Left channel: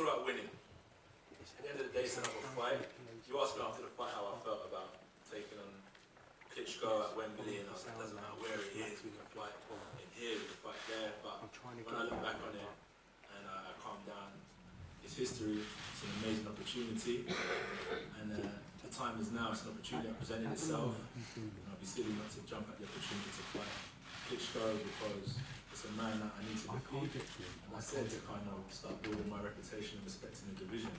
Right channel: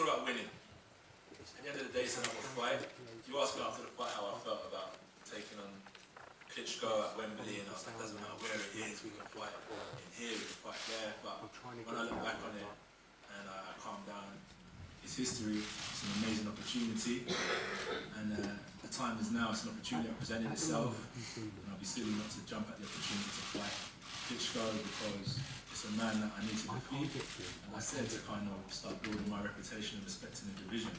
all about winning. At the end of the day, it's another fight. You asked me after the fight how I felt about taking on Klitschko at Wembley, and I was like, doesn't matter where it is, we can fight in here, we can fight there. But when I look back on it and I calm down, it's history, it's an amazing opportunity, and the time is now, it's an opportunity that presented itself, and I'll be silly not to jump at the opportunity to fight Klitschko because it's a man that I need to defeat, and I said to kind of start building my reputation and respect in the division.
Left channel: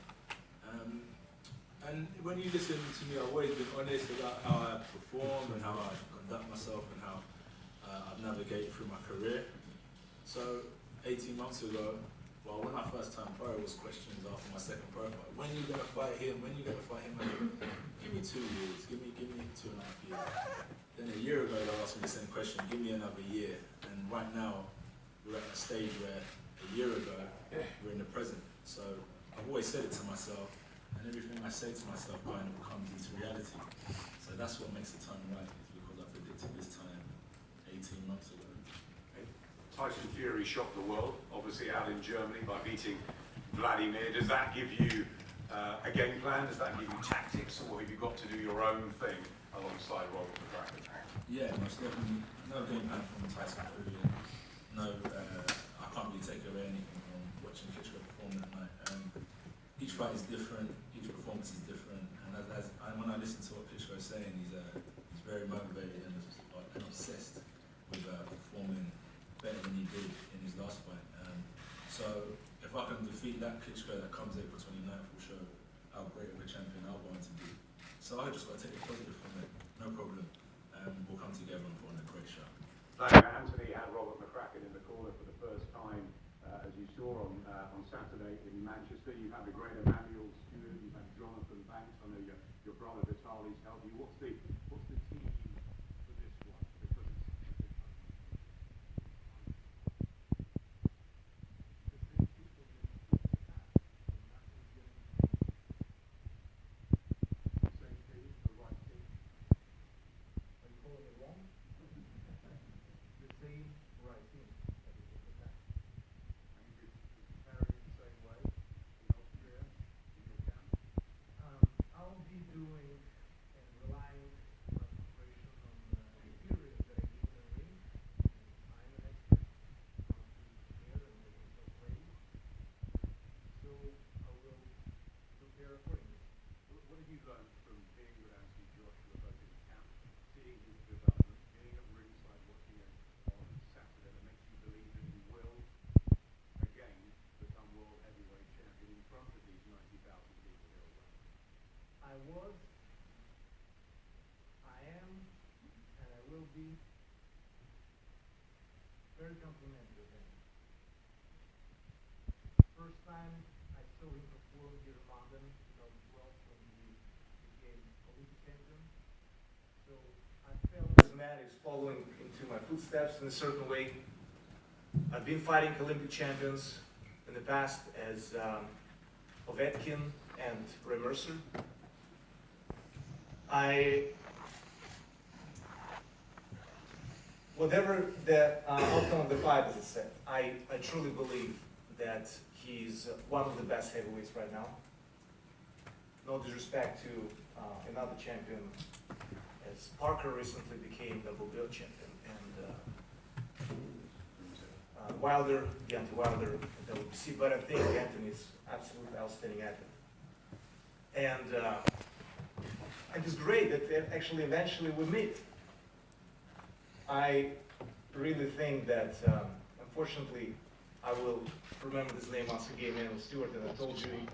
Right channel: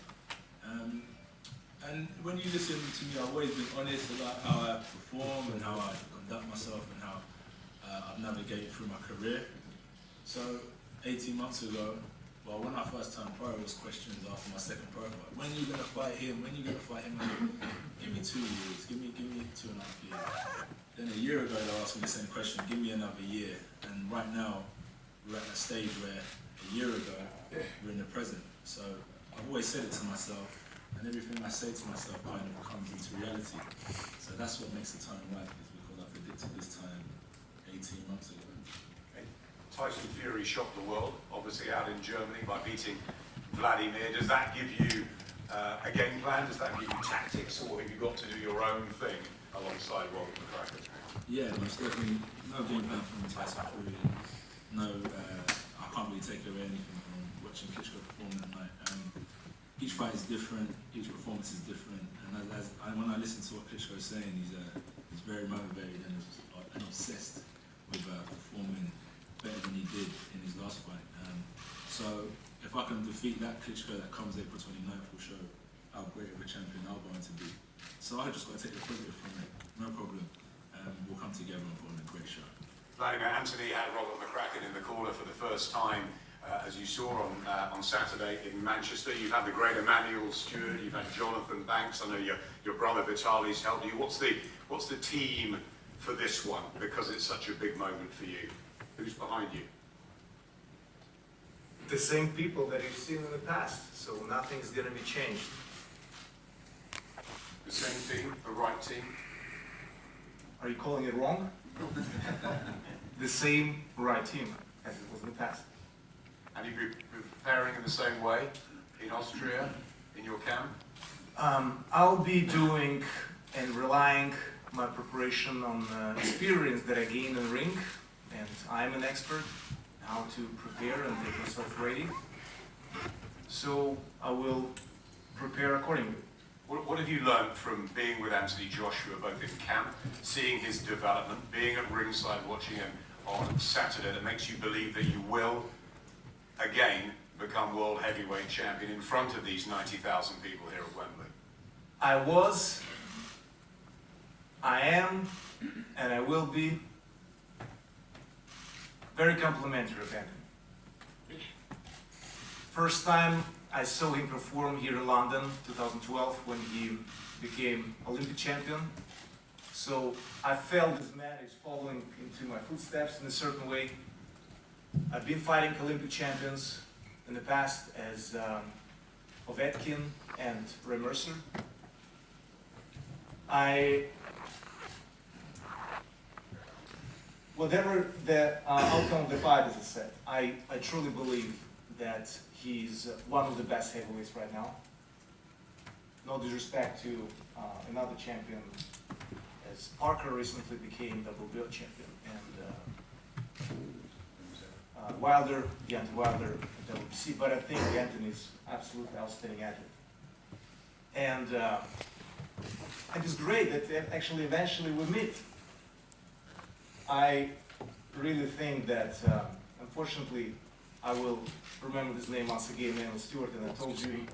And when you listen to me, I've always been honest about how I perform and how I conduct myself and how I've navigated through my career. So 18 months ago, well, when I first turned pro, it was questions after my second pro fight. When are you going to fight him? When are you going to fight him? Give me 2 years. Give me 2.5 years. Then a year ago, they asked me the same question. Give me another year. And right now, we're at a stage where a year ago, we're in the present. So I've always said it to myself, and everything I say to myself kind of comes into reality. So that's what makes the time right, is because I predicted this time 18 months ago. Tyson Fury shocked the world, obviously out in Germany by beating Wladimir. Does that give you a game plan? Does that give you tactics, or have you got to do your own thing alongside Robert McCracken? Yeah, most definitely. No game plan from Tyson Fury. No, I can't really take away anything from watching Klitschko perform that night. Each fight is different, each performance is different, and when I listen to what Klitschko is saying, he's very motivated and obsessed with performing better than he did in his last fight. So if I can defeat that Klitschko that comes April 29th, will show how great of a champion I'm going to be. So I just got to take the positive from it, no problem. We'll come together and put on a great show. Anthony had Robert McCracken in the corner for the first time, as you saw on Saturday in Manchester. You've had the great Emmanuel Stewart, you've had Jonathan Banks. I know your brother Vitaly's helped you. What's the team for this one? Because it's such a big moment for you. Who's behind you? The same people that you've seen in the past, so nothing's going to be changed. The same team, the right team? Are you calling it wrong? The same right team as it was in the past. And you've been preparing in the same way in Austria, in your camp? I'll be doing and relying my preparation on experience that I gained in the ring, and I'm an expert how to prepare and make myself ready. So I will prepare accordingly. What have you learned from being with Anthony Joshua, both in camp, seeing his development, being at ringside watching him on Saturday, that makes you believe that you will, again, become world heavyweight champion in front of these 90,000 people here at Wembley? I was, I am, and I will be very complimentary of Anthony. First time I saw him perform here in London, 2012, when he became Olympic champion. So I felt this man is following into my footsteps in a certain way. I've been fighting Olympic champions in the past as Povetkin and Ray Mercer. Whatever the outcome of the fight, as I said, I truly believe that he's one of the best heavyweights right now. No disrespect to another champion, as Parker recently became WBO champion, and Wilder, Deontay Wilder, WBC, but I think Anthony's absolutely outstanding athlete. And it's great that actually eventually we meet. I really think that, unfortunately, I will remember this name once again, Emmanuel Stewart, and I told you,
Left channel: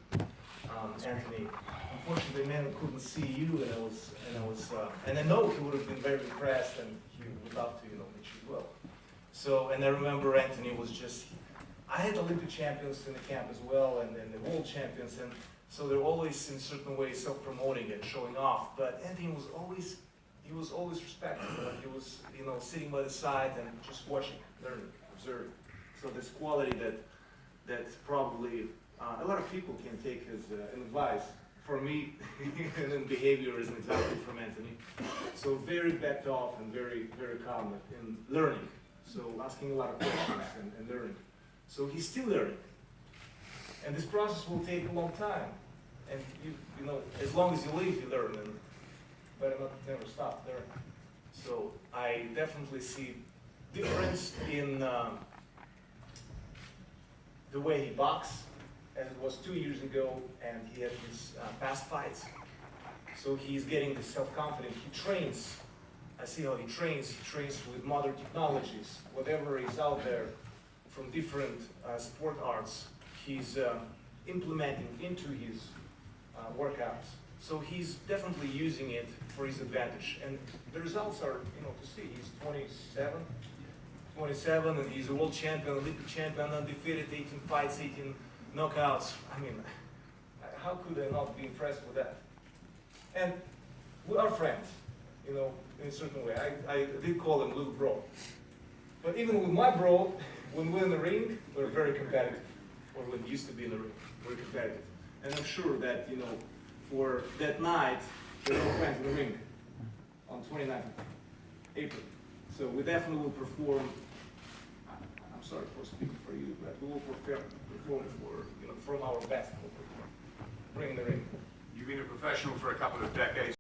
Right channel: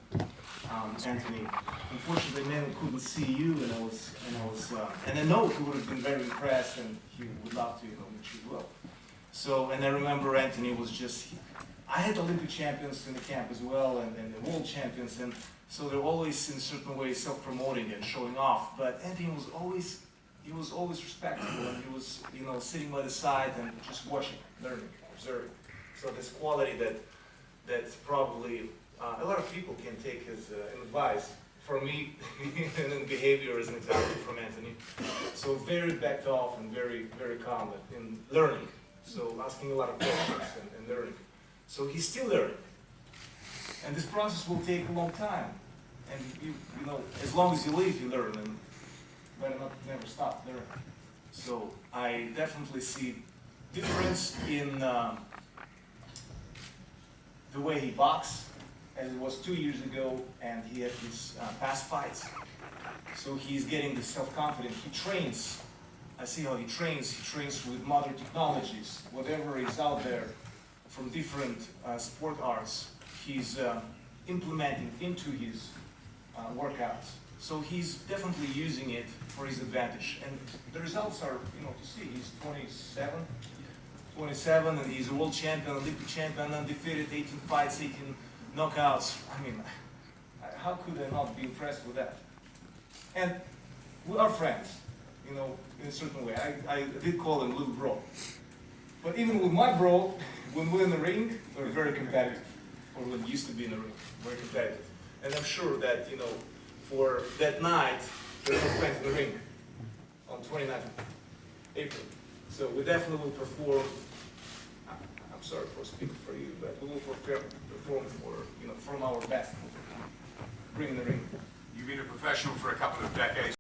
Anthony, unfortunately, Emmanuel couldn't see you, and I know he would have been very impressed, and he would love to, meet you as well. So, and I remember Anthony was just, I had Olympic champions in the camp as well, and then the world champions, and so they're always in certain ways self-promoting and showing off. But Anthony was always, respectful, and he was, sitting by the side and just watching, learning, observing. So this quality that's probably a lot of people can take as advice. For me, and in behavior is an example from Anthony. So very backed off and very, very calm in learning. So asking a lot of questions and learning. So he's still learning. And this process will take a long time. And you know, as long as you live, you learn, and better not never stop learning. So I definitely see difference in the way he boxes, as it was 2 years ago, and he had his past fights. So he's getting the self-confidence. He trains. I see how he trains. He trains with modern technologies. Whatever is out there from different sport arts, he's implementing into his workouts. So he's definitely using it for his advantage. And the results are, you know, to see. He's 27, and he's a world champion, Olympic champion, undefeated, 18 fights, 18 knockouts. I mean, how could I not be impressed with that? And we are friends, you know, in a certain way. I did call him little bro. But even with my bro, when we're in the ring, we're very competitive. Or when we used to be in the ring, very competitive. And I'm sure that, you know, for that night, we're all friends in the ring on 29th of April. So we definitely will perform. I'm sorry for speaking for you, but we will perform for, you know, from our best. Bring the ring. You've been a professional for a couple of decades.